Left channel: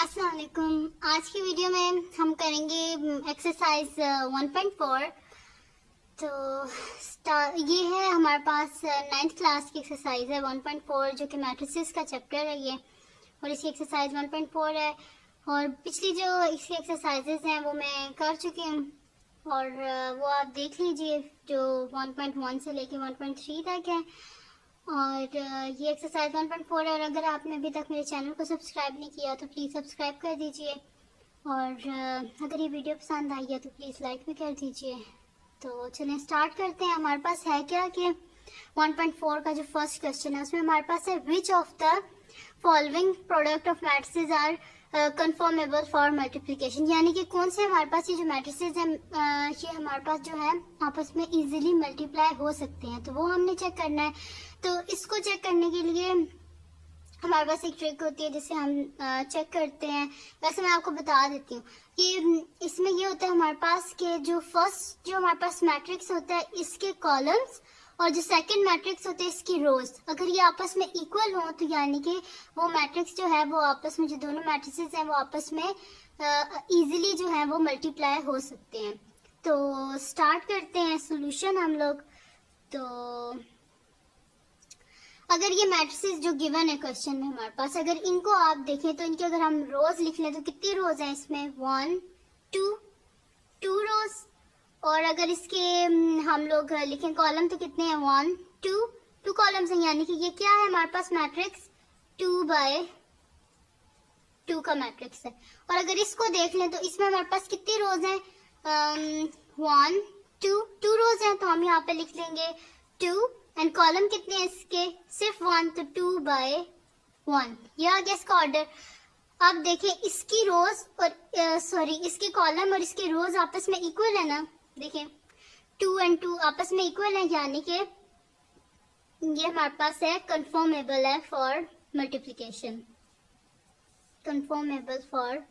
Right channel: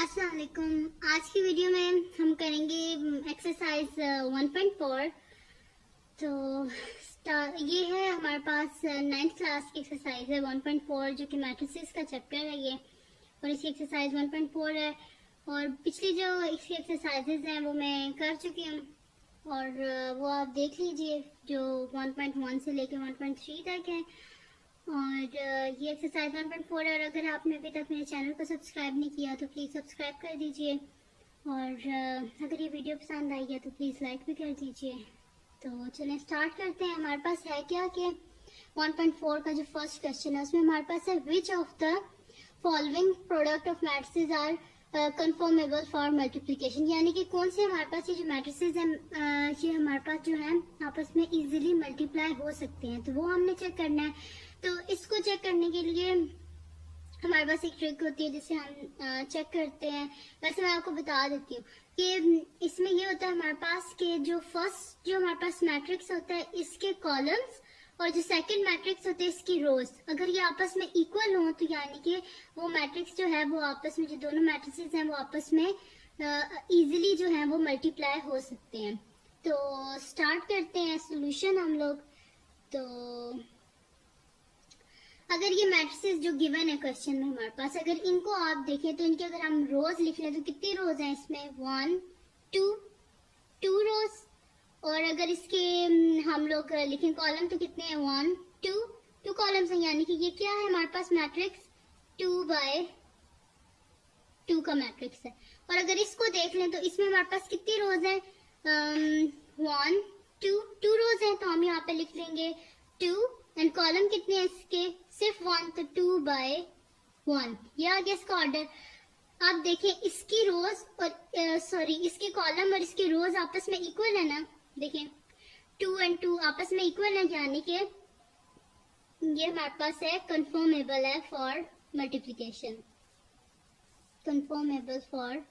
अस्सलाम वालेकुम। आज की वीडियो में हम करेंगे एक्सरसाइज 1.4। तो ये है हमारे पास 9th क्लास की एक्सरसाइज है 1.4 जो कि मैट्रिसेस का चैप्टर है ये, और इसकी एक्सरसाइज 1.4 है। और पिछली जो इसकी एक्सरसाइजेज हैं वो मैं कर चुकी हूँ और वो आप देख लीजिए जो 1.1 से लेकर 1.3 तक है। और ये एक्सरसाइज 1.4 है। और अगर आपने अभी तक मेरे चैनल को सब्सक्राइब नहीं किया तो प्लीज़ सब्सक्राइब कर दीजिए, और अगर ये वीडियो पसंद आई है तो प्लीज़ लाइक भी कर दीजिए। तो चलें स्टार्ट करते हैं। हमारे पास है क्या कि 1.4 का जो फर्स्ट क्वेश्चन है उसमें हमारे पास है which of the following product of matrices are conformable for multiplication, यानी कि कौन से हमारे पास ये जो मैट्रिसेस हैं ये हमारे पास जो है आपस में इजीली मल्टीप्लाई हो सकते हैं, तो वो हमने चेक करना है। तो इसको चेक करने के लिए हमारे पास एक ट्रिक होती है जिसे हम चेक करते हैं। वैसे मैं आपको बता देती हूँ कि इसमें ये होता है हमारे पास कि जो फर्स्ट जो हमारे पास मैट्रिक्स होता है इसके कॉलम्स और जो सेकंड मैट्रिक्स होते हैं इसकी रोज, अगर ये आपस में इक्वल हो तो यानी कि वो मैट्रिक्स जो है वो आपस में जो दोनों मैट्रिसेस हैं वो आपस में इजीली जो है वो मल्टीप्लाई हो सकते हैं। तो स्टार्ट करते हैं सॉल्यूशन हम लोग। तो अगर ये मैट्रिसेस जो गिवन है क्वेश्चन में हमारे पास, अगर इनको आप देखें तो इनके अगर हम रोज लिख लें तो कितनी रोज हैं इसमें 1 2 रोज। और अगर इसके हम लोग लिखें कॉलम तो कितने हैं 1 2 कॉलम्स हैं, यानी कि ये क्या है हमारे पास मैट्रिक्स 2/2 का मैट्रिक्स है। और अगर इसको देख लें तो इसमें हमारे पास कितनी रोज हैं 1 2 रोज हैं, तो हम यहाँ पे लिख लेंगे 2 एंड कॉलम कितने हैं इसके सिर्फ 1, तो 2/1 ये आ गया इसका ऑर्डर। आप देखें इसकी रोज और इसके कॉलम और इसके रोज आपस में इक्वल है ना, देखें 2 और 2 आपस में इक्वल है, यानी कि ये हमारे पास है कन्फर्मेबल है for multiplication, conformable for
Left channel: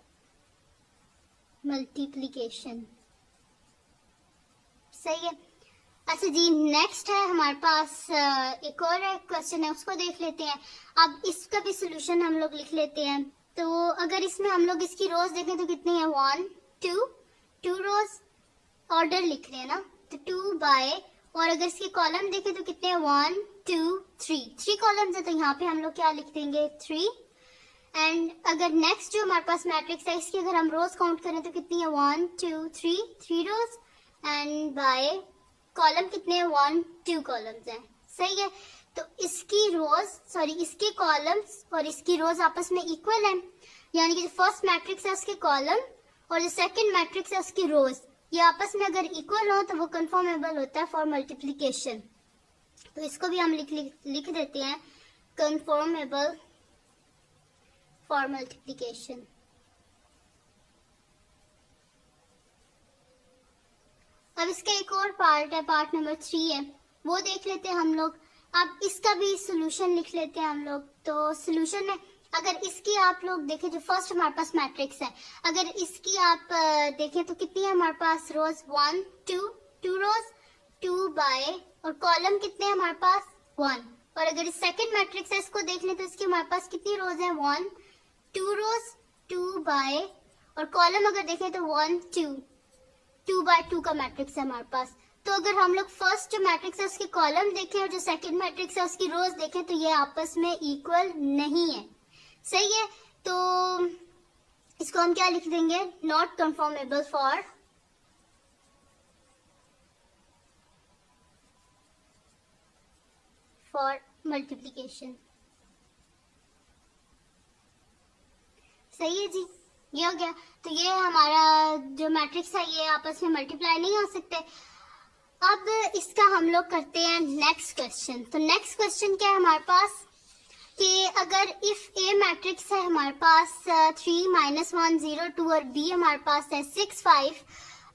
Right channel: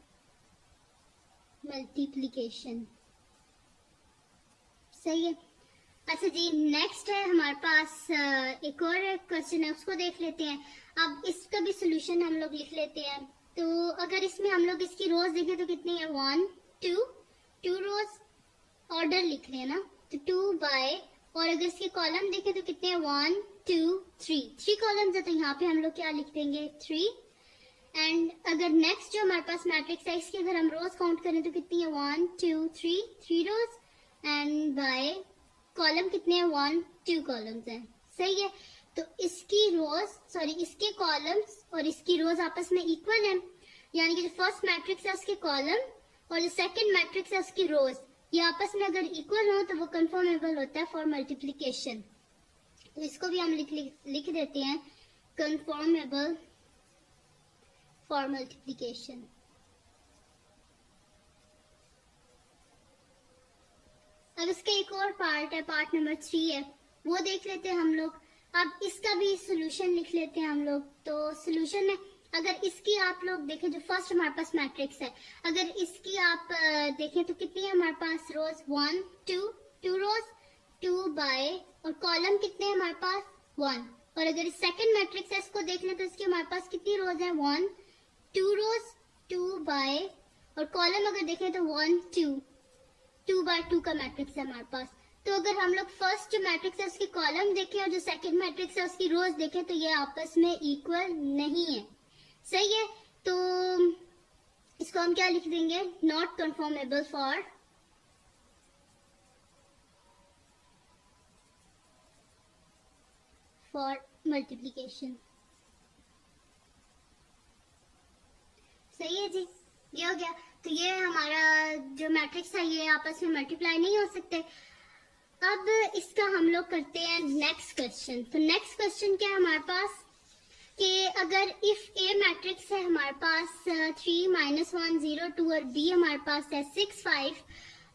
multiplication. सही है। अच्छा जी, नेक्स्ट है हमारे पास एक और क्वेश्चन है, उसको देख लेते हैं। अब इसका भी सोल्यूशन हम लोग लिख लेते हैं। तो अगर इसमें हम लोग इसकी रोज देखें तो कितनी है 1 2 रोज, ऑर्डर लिख रहे हैं ना, तो 2/, और अगर इसके कॉलम देखें तो कितने हैं 1 2 3 कॉलम्स है, तो यहाँ पे हम लोग क्या लिख देंगे 3। एंड अगर नेक्स्ट जो हमारे पास मैट्रिक्स है इसके अगर हम रोज काउंट करें तो कितनी है 1 2 3 रोज, एंड बाय कॉलम कितने हैं 1 2 कॉलम्स हैं। सही है। तो इसकी रोज इसके कॉलम्स और इसकी रोज आपस में इक्वल है, यानी कि जो फर्स्ट मैट्रिक्स है उसके कॉलम और जो सेकंड मैट्रिक्स है उसकी रोज ये आपस में अगर इक्वल हो तो वो कन्फर्मेबल होता है फॉर मल्टीप्लिकेशन। तो इसको भी हम लिख देते हैं कन्फर्मेबल फॉर मल्टीप्लिकेशन। अब इसका एक और पार्ट है, पार्ट नंबर 3 है, वो देख लेते हैं हम लोग। अब इसका भी सोल्यूशन लिख लेते हैं हम लोग। तो सोल्यूशन है, अगर इसकी आप लोग देखें जो फर्स्ट हमारे पास मैट्रिक्स है, अगर इसकी आप देखें तो कितनी है हमारे पास रोज 1 2 रोज 2/, और कॉलम कितने हैं हमारे पास 1। और अगर इस सेकंड मैट्रिक्स है इसको देख लें तो इसकी हमारे पास कितनी रोज है 1 2 रोज 2/, और कॉलम अगर देखें तो 1 2 का मैट्रिक्स है हमारे पास। तो अगर हम लोग फर्स्ट जो मैट्रिक्स है उसकी कॉलम देखें और जो सेकंड मैट्रिक्स है उसकी रोज देखें तो ये आपस में इक्वल नहीं है। सही है। तो इसको हम क्या लिख देंगे नॉट कन्फर्मेबल फॉर मल्टीप्लिकेशन। सही है जी, ये हो गया। तो ये हमारा जो मैट्रिक्स है ये आपस में मल्टीप्लाई नहीं हो सकते। अब इसका हम लोग करते हैं नेक्स्ट क्वेश्चन। तो नेक्स्ट क्वेश्चन क्या है हमारे पास कि अगर इफ ए मैट्रिक्स है हमारे पास 3 -1 0 2 और बी हमारे पास है 6 5,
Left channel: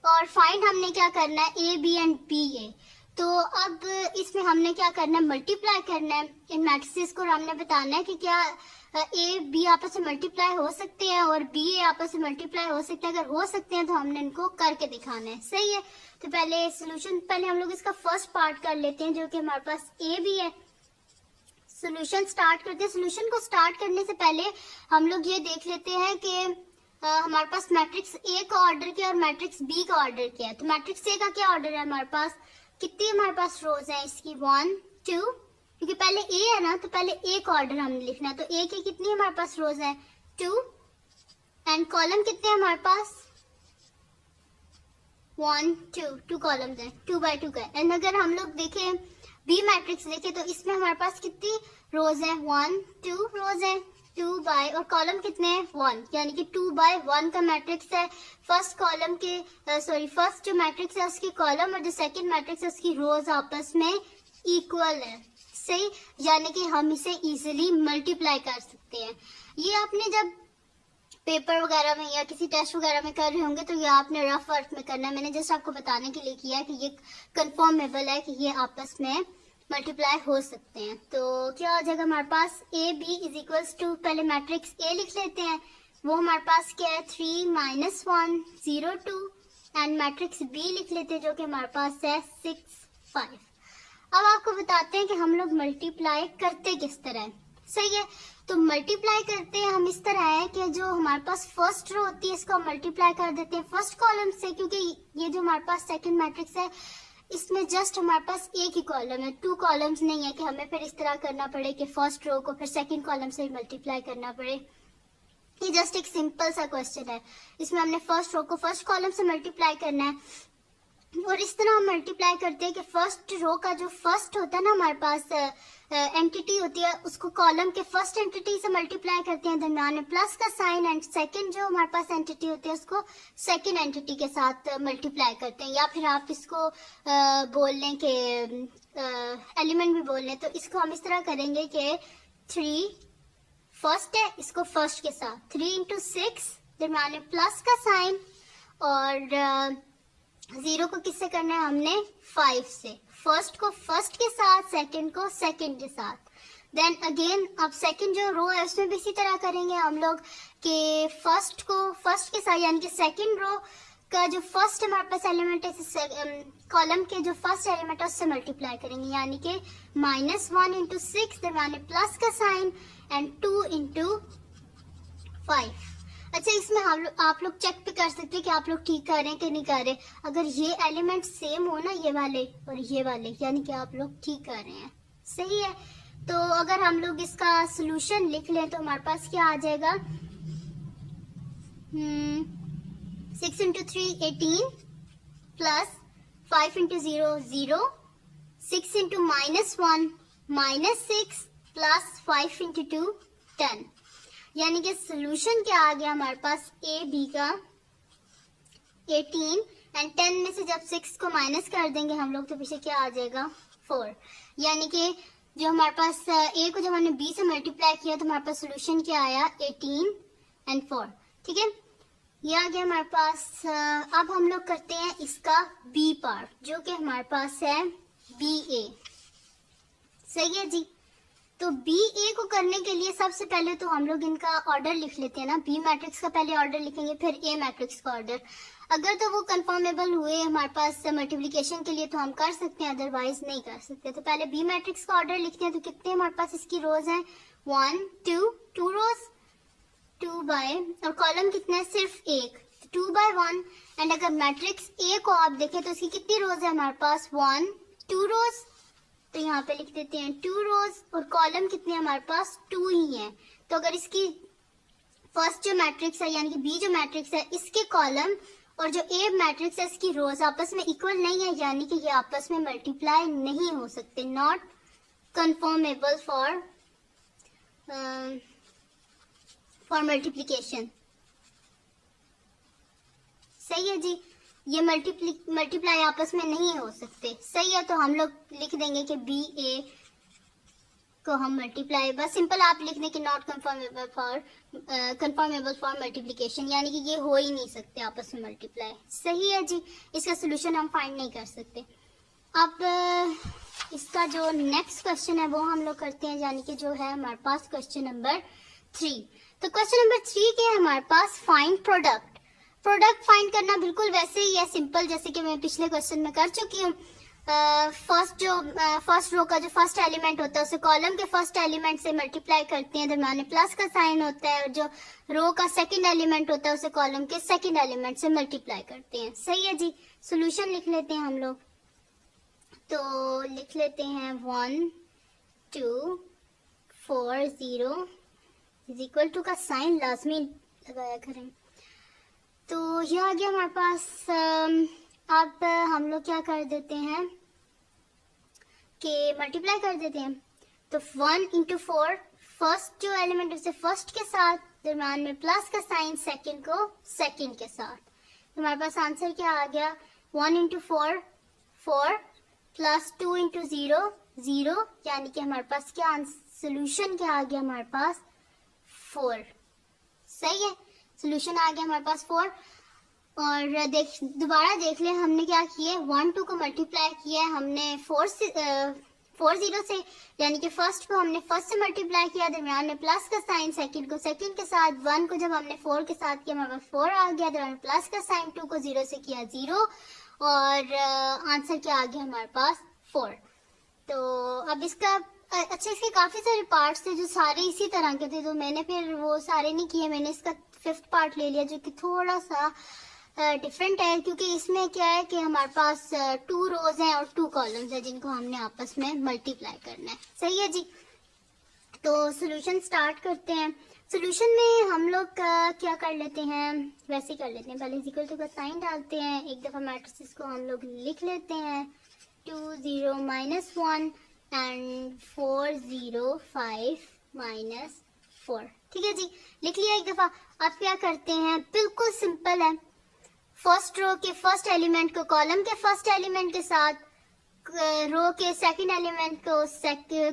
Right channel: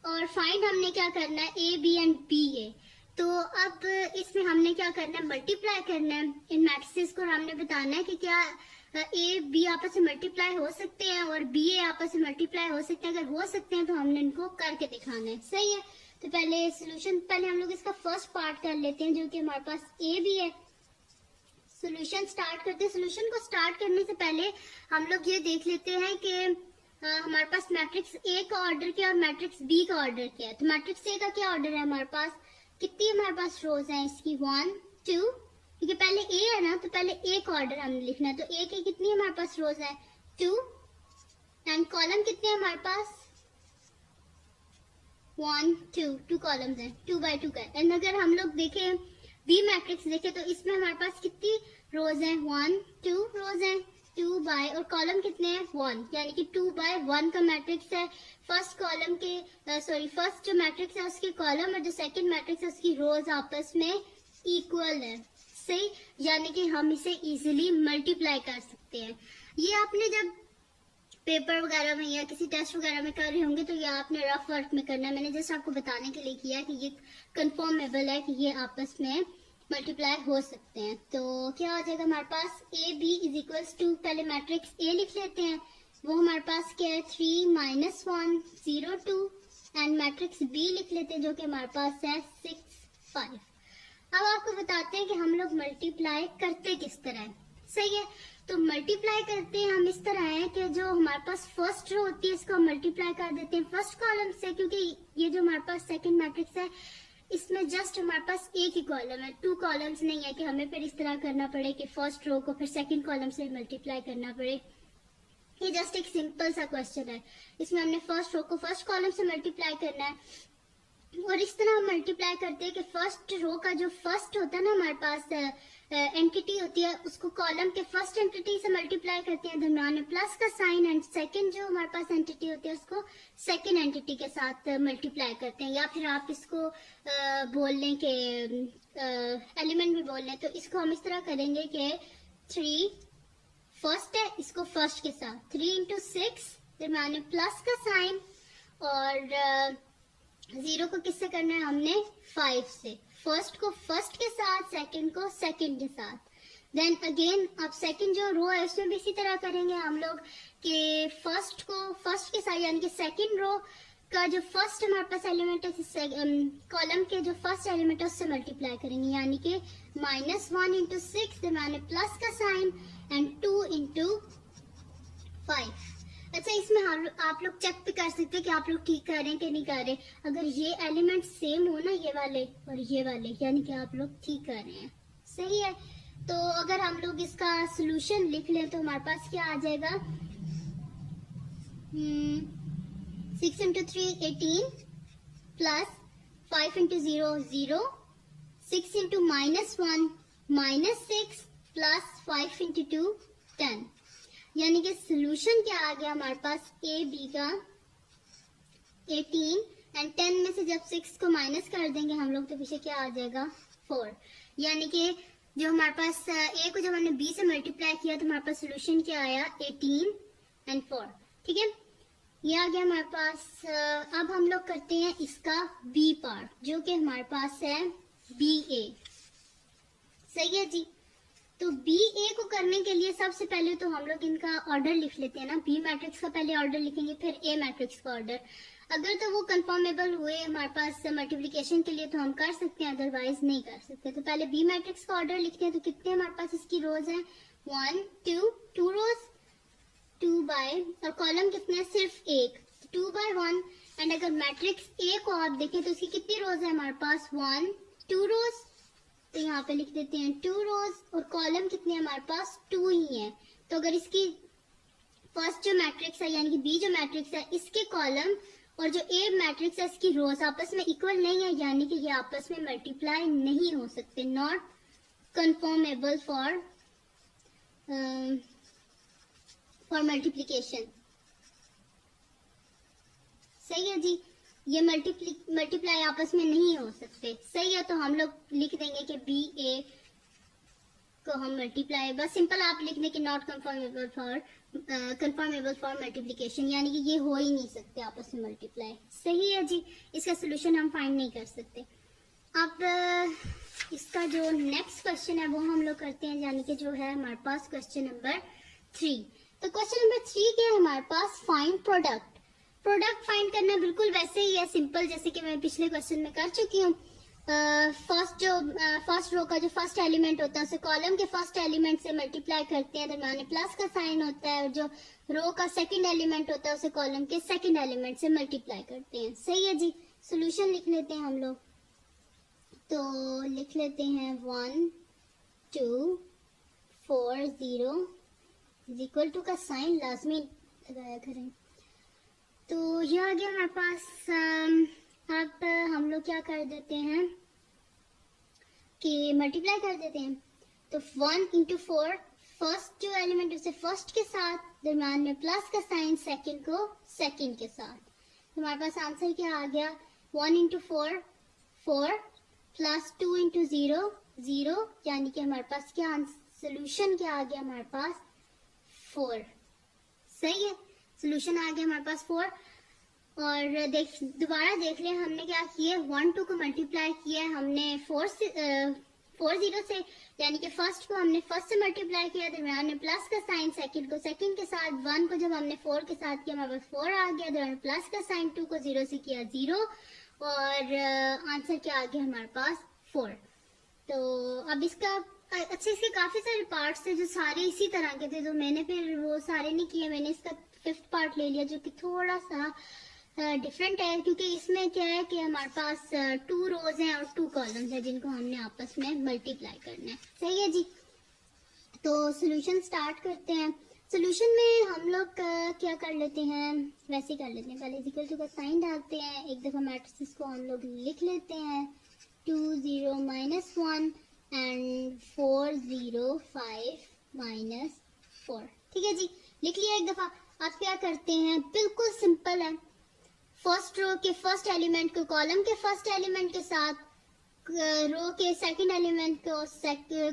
और फाइंड हमने क्या करना है ए बी एंड बी ए। तो अब इसमें हमने क्या करना है मल्टीप्लाई करना है इन मैट्रिसेस को, और हमने बताना है कि क्या ए बी आपस में मल्टीप्लाई हो सकते हैं और बी ए आपस में मल्टीप्लाई हो सकते हैं। अगर हो सकते हैं तो हमने इनको करके दिखाना है। सही है। तो पहले हम लोग इसका फर्स्ट पार्ट कर लेते हैं जो कि हमारे पास ए बी है। सोल्यूशन स्टार्ट करते हैं। सोल्यूशन को स्टार्ट करने से पहले हम लोग ये देख लेते हैं कि हमारे पास मैट्रिक्स ए का ऑर्डर क्या और मैट्रिक्स बी का ऑर्डर क्या है। तो मैट्रिक्स ए का क्या ऑर्डर है हमारे पास, कितनी हमारे पास रोज है इसकी 1 2, क्योंकि पहले ए है ना तो पहले ए का ऑर्डर हमने लिखना है। तो ए की कितनी हमारे पास रोज है 2 एंड कॉलम कितने हैं हमारे पास 1 2, 2 कॉलम्स हैं 2 बाय 2 का। एंड अगर हम लोग देखें बी मैट्रिक्स देखें तो इसमें हमारे पास कितनी रोज है 1 2 रोज है 2 बाय और कॉलम कितने हैं 1, यानी कि 2 बाय 1 का मैट्रिक्स है। फर्स्ट कॉलम के फर्स्ट जो मैट्रिक्स है उसके कॉलम और जो सेकंड मैट्रिक्स है उसकी रोज आपस में इक्वल है, सही, यानी कि हम इसे इजीली मल्टीप्लाई कर सकते हैं। ये आपने जब पेपर वगैरह में या किसी टेस्ट वगैरह में कर रहे होंगे तो ये आपने रफ वर्क में करना है। मैंने जस्ट आपको बताने के लिए किया कि ये कंफर्मेबल है कि ये आपस में मल्टीप्लाई हो सकते हैं। तो क्या हो जाएगा हमारे पास A B is equals to, पहले मैट्रिक्स ए लिख लेते हैं, वो हमारे पास क्या है 3 -1 0 2 एंड मैट्रिक्स बी लिख लेते हैं जो कि हमारे पास है 6 5। अब आपको बताते हैं कि हम लोग मल्टीप्लाई करते किस तरह है, सही है। तो मल्टीप्लाई करते हैं हम इस तरह है कि जो हमारे पास फर्स्ट रो होती है इसको मल्टीप्लाई कर देते हैं फर्स्ट कॉलम से, क्योंकि ये जो हमारे पास सेकंड मैट्रिक्स है इसमें जस्ट हमारे पास एक ही कॉलम है, 2 कॉलम्स नहीं है कि हमें फिर इस तरह करना पड़े कि फर्स्ट रो को फिर सेकंड कॉलम से मल्टीप्लाई करना पड़े। ये जस्ट एक सिंपल सा क्वेश्चन है, इसमें हमने फर्स्ट रो को फर्स्ट कॉलम से मल्टीप्लाई करना है और इस तरह हम मल्टीप्लाई करते हैं कि फर्स्ट रो का जो फर्स्ट होता है ना हमारे पास एंटिटी होती है उसको कॉलम के फर्स्ट एंटिटी से मल्टीप्लाई करते हैं, दरम्यान में प्लस का साइन, एंड सेकंड जो हमारे पास एंटिटी होती है उसको सेकंड एंटिटी के साथ मल्टीप्लाई करते हैं। या फिर आप इसको बोल लें कि एलिमेंट भी बोल लें, तो इसको हम इस तरह करेंगे कि 3 फर्स्ट है इसको फर्स्ट के साथ 3 × 6 दरम्यान में प्लस का साइन और 0 को किससे करना है हमने 5 से, फर्स्ट को फर्स्ट के साथ सेकंड को सेकंड के साथ। देन अगेन अब सेकंड जो रो है उसमें भी इसी तरह करेंगे हम लोग कि फर्स्ट को फर्स्ट के साथ, यानी कि सेकंड रो का जो फर्स्ट हमारे पास एलिमेंट है कॉलम के जो फर्स्ट एलिमेंट है उससे मल्टीप्लाई करेंगे, यानी कि -1 × 6 दरम्यान प्लस का साइन एंड 2 × 5। अच्छा, इसमें आप लोग चेक भी कर सकते हैं कि आप लोग ठीक कर रहे हैं कि नहीं कर रहे। अगर ये एलिमेंट सेम हो ना ये वाले और ये वाले, यानी कि आप लोग ठीक कर रहे हैं, सही है। तो अगर हम लोग इसका सॉल्यूशन लिख लें तो हमारे पास क्या आ जाएगा 6 × 3 18 प्लस 5 × 0 0, 6 × -1 -6 प्लस 5 × 2 10, यानी कि सोल्यूशन क्या आ गया हमारे पास ए बी का 18 एंड 10 में से जब 6 को माइनस कर देंगे हम लोग तो पीछे क्या आ जाएगा 4, यानी कि जो हमारे पास ए को जब हमने बी से मल्टीप्लाई किया तो हमारे पास सोल्यूशन क्या आया 18 एंड 4, ठीक है, ये आ गया हमारे पास। अब हम लोग करते हैं इसका बी पार्ट जो कि हमारे पास है बी ए, सही है जी। तो बी ए को करने के लिए सबसे पहले तो हम लोग इनका ऑर्डर लिख लेते हैं ना, बी मैट्रिक्स का पहले ऑर्डर लिखेंगे फिर ए मैट्रिक्स का ऑर्डर। अगर तो वो कंफर्मेबल हुए हमारे पास मल्टीप्लिकेशन के लिए तो हम कर सकते हैं, अदरवाइज नहीं कर सकते। तो पहले बी मैट्रिक्स का ऑर्डर लिखते हैं। तो कितने हमारे पास इसकी रोज हैं 1 2 रोज 2 बाय और कॉलम कितना है सिर्फ एक 2 बाय 1। एंड अगर मैट्रिक्स ए को आप देखें तो इसकी कितनी रोज है हमारे पास 1 2 रोज, तो यहाँ पे लिख देते हैं 2 रोज और कॉलम कितने हमारे पास 2 ही है। तो अगर इसकी फर्स्ट जो मैट्रिक्स है यानी कि बी जो मैट्रिक्स है इसके कॉलम और जो ए मैट्रिक्स है इसकी रोज आपस में इक्वल नहीं है, यानी कि ये आपस में मल्टीप्लाई नहीं हो सकते, नॉट कंफर्मेबल फॉर मल्टीप्लिकेशन, सही है जी। ये मल्टीप्लाई आपस में नहीं हो सकते, सही है। तो हम लोग लिख देंगे कि बी ए को हम मल्टीप्लाई, बस सिंपल आप लिख दें कि नॉट कंफर्मेबल फॉर मल्टीप्लिकेशन, यानी कि ये हो ही नहीं सकते आपस में मल्टीप्लाई, सही है जी। इसका सोल्यूशन हम फाइंड नहीं कर सकते। अब इसका जो नेक्स्ट क्वेश्चन है वो हम लोग करते हैं, यानी कि जो है हमारे पास क्वेश्चन नंबर 3। तो क्वेश्चन नंबर 3 के हमारे पास फाइंड प्रोडक्ट फाइंड करना बिल्कुल वैसे ही है सिंपल जैसे कि मैं पिछले क्वेश्चन में कर चुकी हूँ। फर्स्ट रो का जो फर्स्ट एलिमेंट होता है उसे कॉलम के फर्स्ट एलिमेंट से मल्टीप्लाई करते हैं, दरम्यान में प्लस का साइन होता है, और जो रो का सेकंड एलिमेंट होता है उसे कॉलम के सेकंड एलिमेंट से मल्टीप्लाई करते हैं। सही है जी। सोल्यूशन लिख लेते हैं हम लोग। तो लिख लेते हैं 1 2 4 0 इज इक्वल टू का साइन लाजमी लगाया करें। तो ये आ गया हमारे पास। अब हम लोग क्या कर देते हैं कि मल्टीप्लाई कर देते हैं। तो 1 इंटू 4, फर्स्ट जो एलिमेंट है उसे फर्स्ट के साथ, दरम्यान में प्लस का साइन सेकंड को सेकंड के साथ। तो हमारे पास आंसर क्या आ गया? 1 इंटू 4 4 प्लस 2 इंटू 0 0, यानी कि हमारे पास क्या सोल्यूशन क्या आ गया हमारे पास? 4। सही है, सोल्यूशन आ गया हमारे पास 4। और दोबारा देख ले, हमने क्या किया? 1 2 को मल्टीप्लाई किया है हमने 4 0 से, यानी कि फर्स्ट को हमने फर्स्ट से मल्टीप्लाई किया, दरमियान में प्लस का साइन सेकंड को सेकंड के साथ। 1 को जब हमने 4 के साथ किया हमारे पास 4 आ गया, दरमियान प्लस का साइन 2 को 0 से किया 0, और आंसर क्या आ गया हमारे पास? 4। तो अब इसका अच्छा, इसके काफी सारे पार्ट्स थे जो सारे इसी तरह के थे, तो मैंने फिर वो सारे नहीं किए, मैंने इसका 5th पार्ट ले लिया जो कि थोड़ा सा डिफरेंट है, क्योंकि इसमें क्या है कि हमारे पास 2 रोज हैं और 2 कॉलम्स हैं जिनको हमने आपस में मल्टीप्लाई करना है। सही है जी। तो सोल्यूशन स्टार्ट करते हैं। सोल्यूशन में हम लोग क्या कर लेते हैं, वैसे कर लेते हैं, पहले इक्वल टू का साइन डालते हैं, एक दफा मैट्रिसेस को हम लोग लिख लेते हैं 2 0 -1 एंड 4 0 5 -4। ठीक है जी, लिख लिया एक दफा। अब क्या करते हैं, बिल्कुल सिंपल है, फर्स्ट रो के फर्स्ट एलिमेंट को कॉलम के फर्स्ट एलिमेंट के साथ, रो के सेकंड एलिमेंट को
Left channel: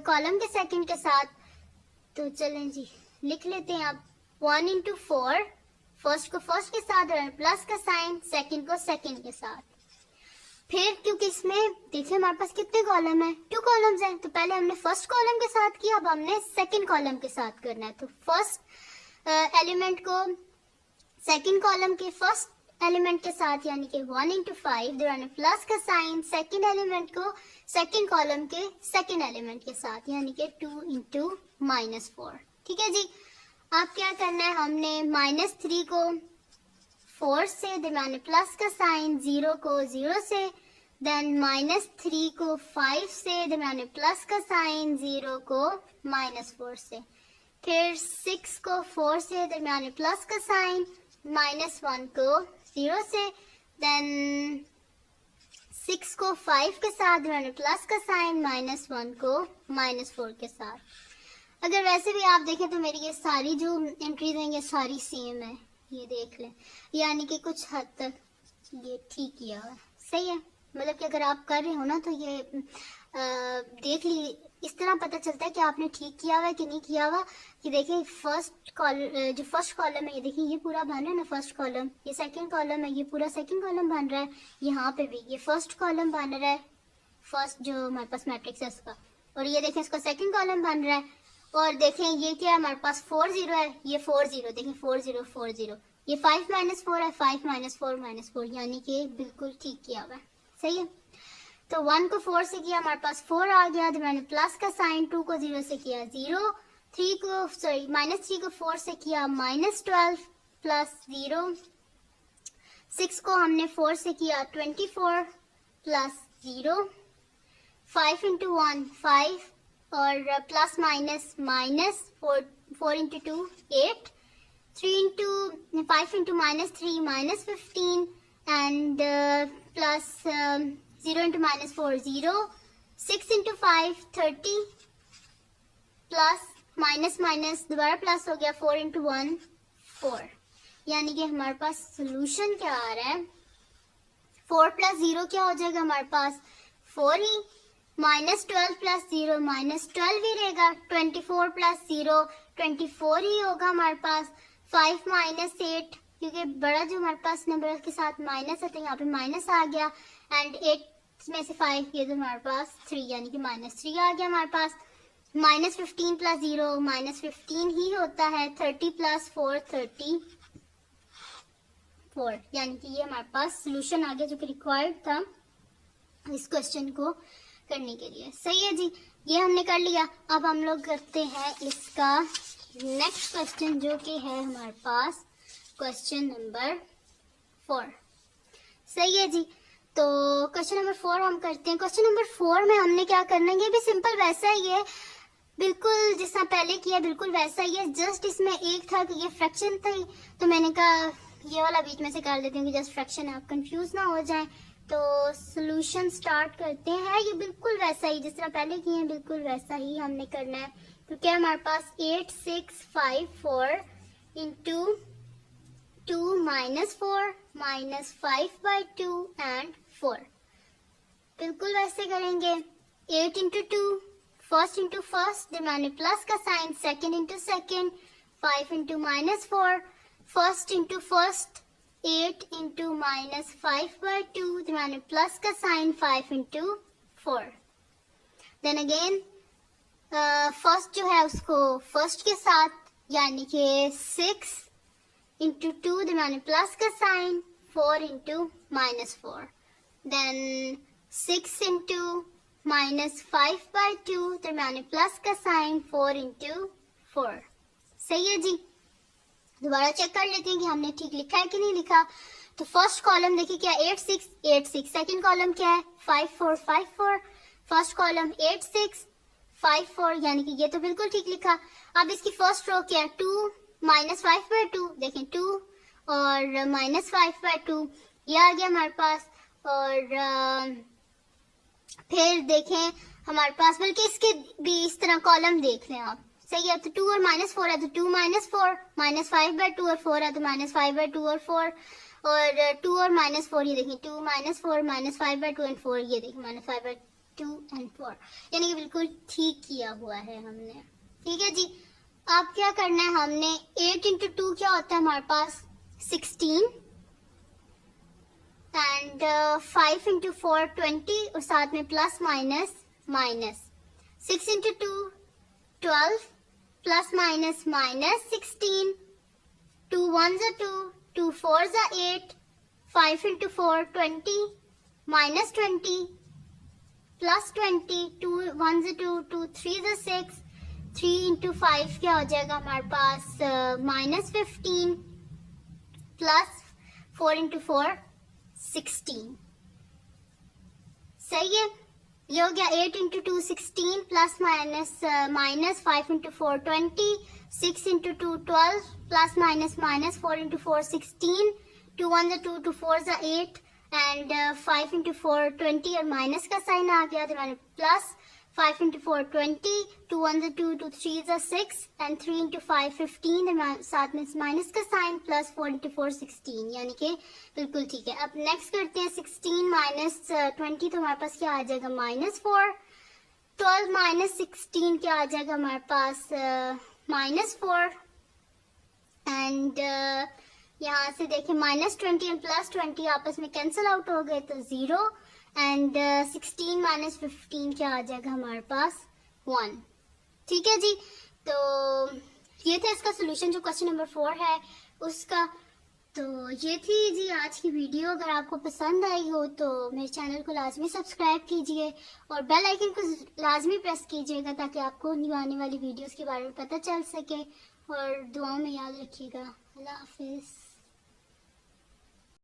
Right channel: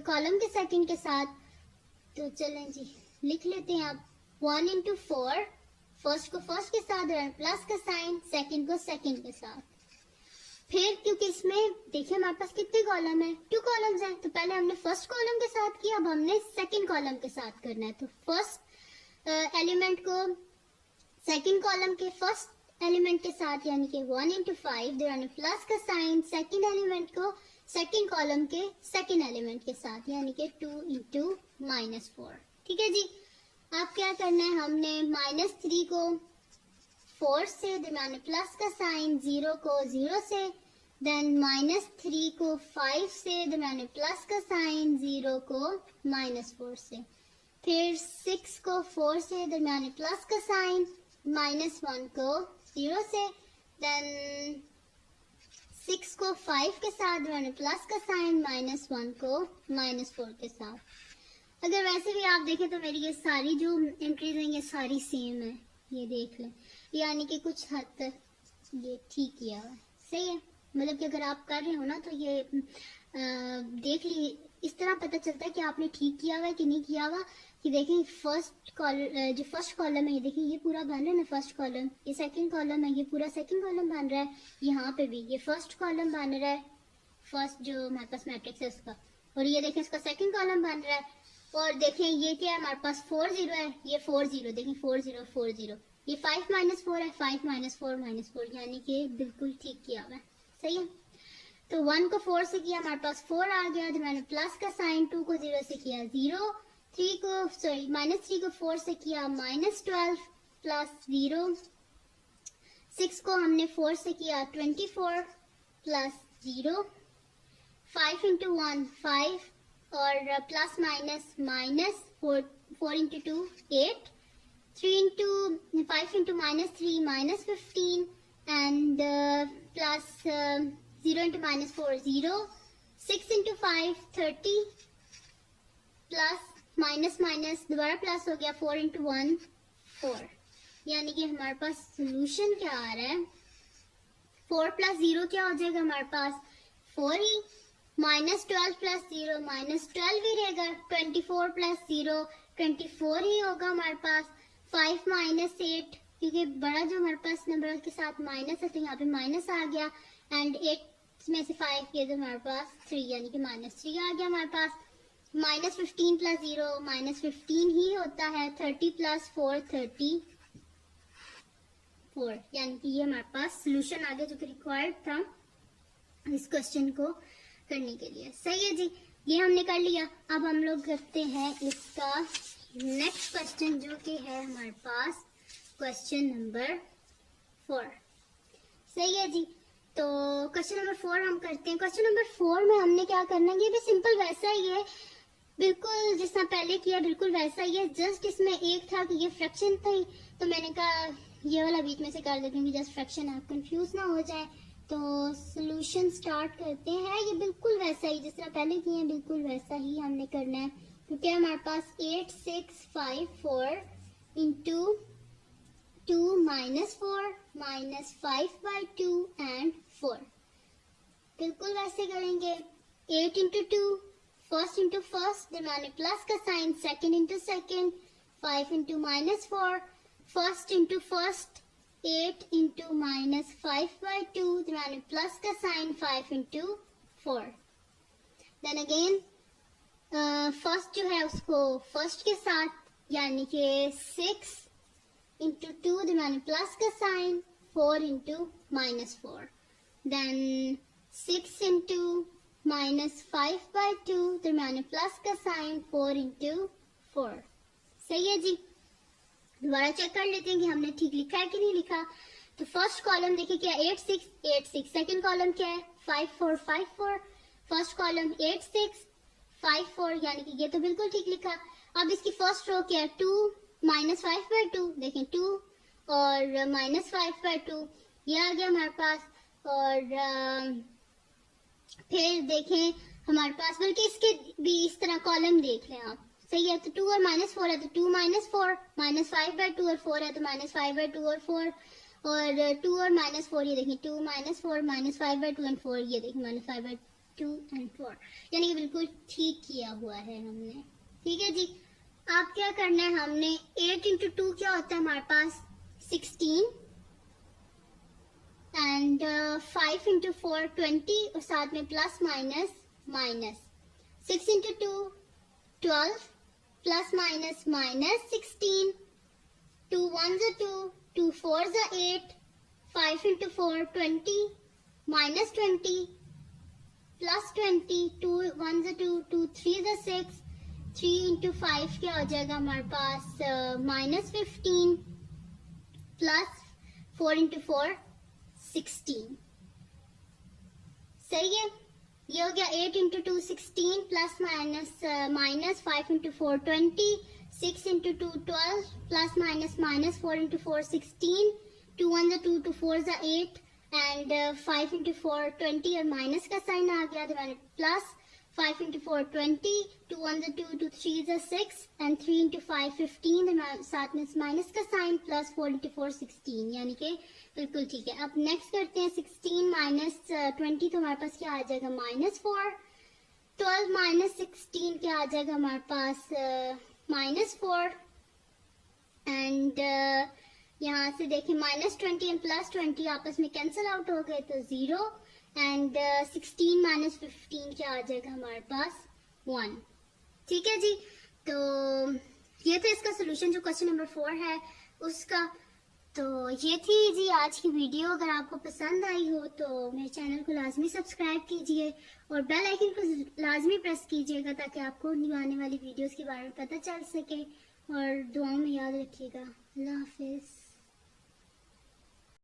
कॉलम के सेकंड के साथ। तो चलें जी, लिख लेते हैं आप 1 इंटू 4, फर्स्ट को फर्स्ट के साथ और प्लस का साइन, सेकंड को सेकंड के साथ। फिर क्योंकि इसमें देखिए हमारे पास कितने कॉलम है? 2 कॉलम्स हैं, तो पहले हमने फर्स्ट कॉलम के साथ किया, अब हमने सेकंड कॉलम के साथ करना है। तो फर्स्ट एलिमेंट को सेकंड कॉलम के फर्स्ट एलिमेंट के साथ, यानी कि 1 इंटू 5, दरमियान प्लस का साइन, सेकंड एलिमेंट को सेकंड कॉलम के सेकंड एलिमेंट के साथ, यानी कि 2 इंटू -4। ठीक है जी। अब क्या करना है, हमने -3 को 4 से, दरमियान प्लस का साइन, 0 को 0 से, देन -3 को 5 से, दरमियान प्लस का साइन, 0 को -4 से, फिर 6 को 4 से, दरमियान प्लस का साइन, -1 को 0 से, देन 6 को 5 के साथ, दरमियान प्लस का साइन, -1 को -4 के साथ। अगर वैसे भी आप देखें तो मेरी ये सारी जो एंट्रीज हैं ये सारी सेम है, ये देख लें, यानी कि कुछ हद तक ये ठीक किया हुआ है। सही है, मतलब कि अगर आप कर रहे हो ना तो ये देख ली, इस तरह पता चलता है कि आपने ठीक किया हुआ है कि नहीं किया हुआ। कि देखिए जो फर्स्ट कॉलम है, ये देखिए ये पूरा बन रहा है ना फर्स्ट कॉलम, ये सेकंड कॉलम है, ये पूरा सेकंड कॉलम बन रहा है, यहाँ पे भी ये फर्स्ट कॉलम बन रहा है, फर्स्ट जो हमारे पास मैट्रिक्स है उसका, और ये देखें इसका सेकंड कॉलम बन रहा है। और देखें ये क्या है, हमारे पास 4 0 है, ये 4 0, देखें 4 0 4 0, ये 5 -4 है, 5 -4 -4, यानी कि बिल्कुल ठीक किया हुआ है। सही है। तो 1 को 4 से किया, हमारे पास 4 आ गया, तो मैंने प्लस का साइन, 2 को 0 से किया 0, -3 को 4 से किया -12 प्लस 0, 6 को हमने 4 से किया 24 प्लस 0, 5 इंटू 1 5, और plus minus 4 into 2 8, 3 into 5 into -3 -15, and plus 0 into -4 0, 6 into 5 30, plus minus दोबारा प्लस हो गया, 4 इंटू 1 4, यानी कि हमारे पास सोल्यूशन क्या आ रहा है, 4 प्लस 0 क्या हो जाएगा हमारे पास? 4 ही, -12 प्लस 0 -12 ही रहेगा, 24 प्लस 0 24 ही होगा हमारे पास, 5 -8, क्योंकि बड़ा जो हमारे पास नंबर के साथ माइनस है तो यहाँ पे माइनस आ गया, एंड 8 में से 5 ये तो हमारे पास 3, यानी कि -3 आ गया हमारे पास। -15 प्लस 0 -15 ही होता है, 30 प्लस 4 34, यानी कि ये हमारे पास सोल्यूशन आ गया जो कि रिक्वायर्ड था। इस क्वेश्चन को करने के लिए। सही है जी, ये हमने कर लिया। अब हम लोग करते हैं इसका नेक्स्ट क्वेश्चन, जो कि है हमारे पास क्वेश्चन नंबर 4। सही है जी, तो क्वेश्चन नंबर 4 हम करते हैं। क्वेश्चन नंबर 4 में हमने क्या करना है, ये भी सिंपल वैसा ही है, बिल्कुल जितना पहले किया बिल्कुल वैसा ही है। जस्ट इसमें एक था कि ये फ्रैक्शन थी, तो मैंने कहा ये वाला बीच में से कर देती हूँ कि जस्ट फ्रैक्शन है, आप कंफ्यूज ना हो जाए। तो सॉल्यूशन स्टार्ट करते हैं। ये बिल्कुल वैसा ही जिस तरह पहले किए हैं, बिल्कुल वैसा ही हमने करना है। तो क्या हमारे पास 8 6 5 4 इंटू 2 माइनस 4 माइनस 5/2 एंड 4, बिल्कुल वैसे करेंगे। 8 इंटू 2, फर्स्ट इंटू फर्स्ट, दिमाग में प्लस का sign, second into second, 5 into minus 4, first into first, 8 into minus 5/2, दिमाग में प्लस का sign, 5 into 4। Then again first जो है उसको फर्स्ट के साथ, यानी कि 6 इंटू 2, दिमाग में प्लस का sign, 4 into minus 4, then 6 into minus 5/2, दरम्यान में प्लस का साइन, 4 इंटू 4। सही है जी, दोबारा चेक कर लेते हैं कि हमने ठीक लिखा है कि नहीं लिखा। तो फर्स्ट कॉलम देखिए क्या 8 6 8 6, सेकंड कॉलम क्या है 5 4 5 4, फर्स्ट कॉलम 8 6 5 4, यानी कि ये तो बिल्कुल ठीक लिखा। अब इसकी फर्स्ट रो क्या है 2 माइनस 5/2, देखें 2 और माइनस 5/2, ये आ गया हमारे पास। और फिर देखें हमारे पास, बल्कि इसके भी इस तरह कॉलम देख लें आप। सही है, तो 2 और माइनस 4 है तो 2 माइनस 4, माइनस 5/2 और 4 है तो माइनस 5/2 और 4, और 2 और माइनस 4, ये देखिए 2 माइनस 4 माइनस 5/2 एंड 4, ये देखिए माइनस 5/2 एंड 4, यानी कि बिल्कुल ठीक किया हुआ है हमने। ठीक है जी, अब क्या करना है हमने, 8 इंटू 2 क्या होता है हमारे पास 16, एंड 5 इंटू 4 20, और साथ में plus minus minus, 6 into 2 12, plus minus minus 16, 2 1 2, 2 4 8, 5 into 4 20, minus 20, plus 20, 2 1 2, 2 3 6, 3 into 5 क्या हो जाएगा हमारे पास माइनस 15, प्लस 4 इंटू 4 16। सही है, ये हो गया 8 into 2 16, plus minus minus 5 into 4 20, 6 into 2 12, plus minus minus 4 into 4 16, 2 1 2, 2 4 8, and 5 into 4 20, और माइनस का साइन आ गया तो प्लस 5 इंटू 4 20, 2 1 2, 2 3 6, एंड 3 इंटू 5 15, साथ में माइनस का साइन, प्लस 4 इंटू 4 16, यानी कि बिल्कुल ठीक है। अब नेक्स्ट करते हैं 16 माइनस 20, तो हमारे पास क्या आ जाएगा -4, 12 माइनस 16 क्या आ जाएगा हमारे पास -4, एंड यहाँ से देखें -20 एंड +20 आपस में कैंसिल आउट हो गए तो 0, एंड 16 माइनस 15 क्या आ जाएगा हमारे पास 1। ठीक है जी, तो ये था इसका सोल्यूशन जो क्वेश्चन नंबर 4 है उसका। तो ये थी जी आज की वीडियो। अगर आपको पसंद आई हो तो मेरे चैनल को लाजमी सब्सक्राइब कीजिए और बेल आइकन को लाजमी प्रेस कीजिएगा ताकि आपको न्यू आने वाली वीडियोस के बारे में पता चल सके, और दुआओं में याद रखिएगा। अल्लाह हाफिज़।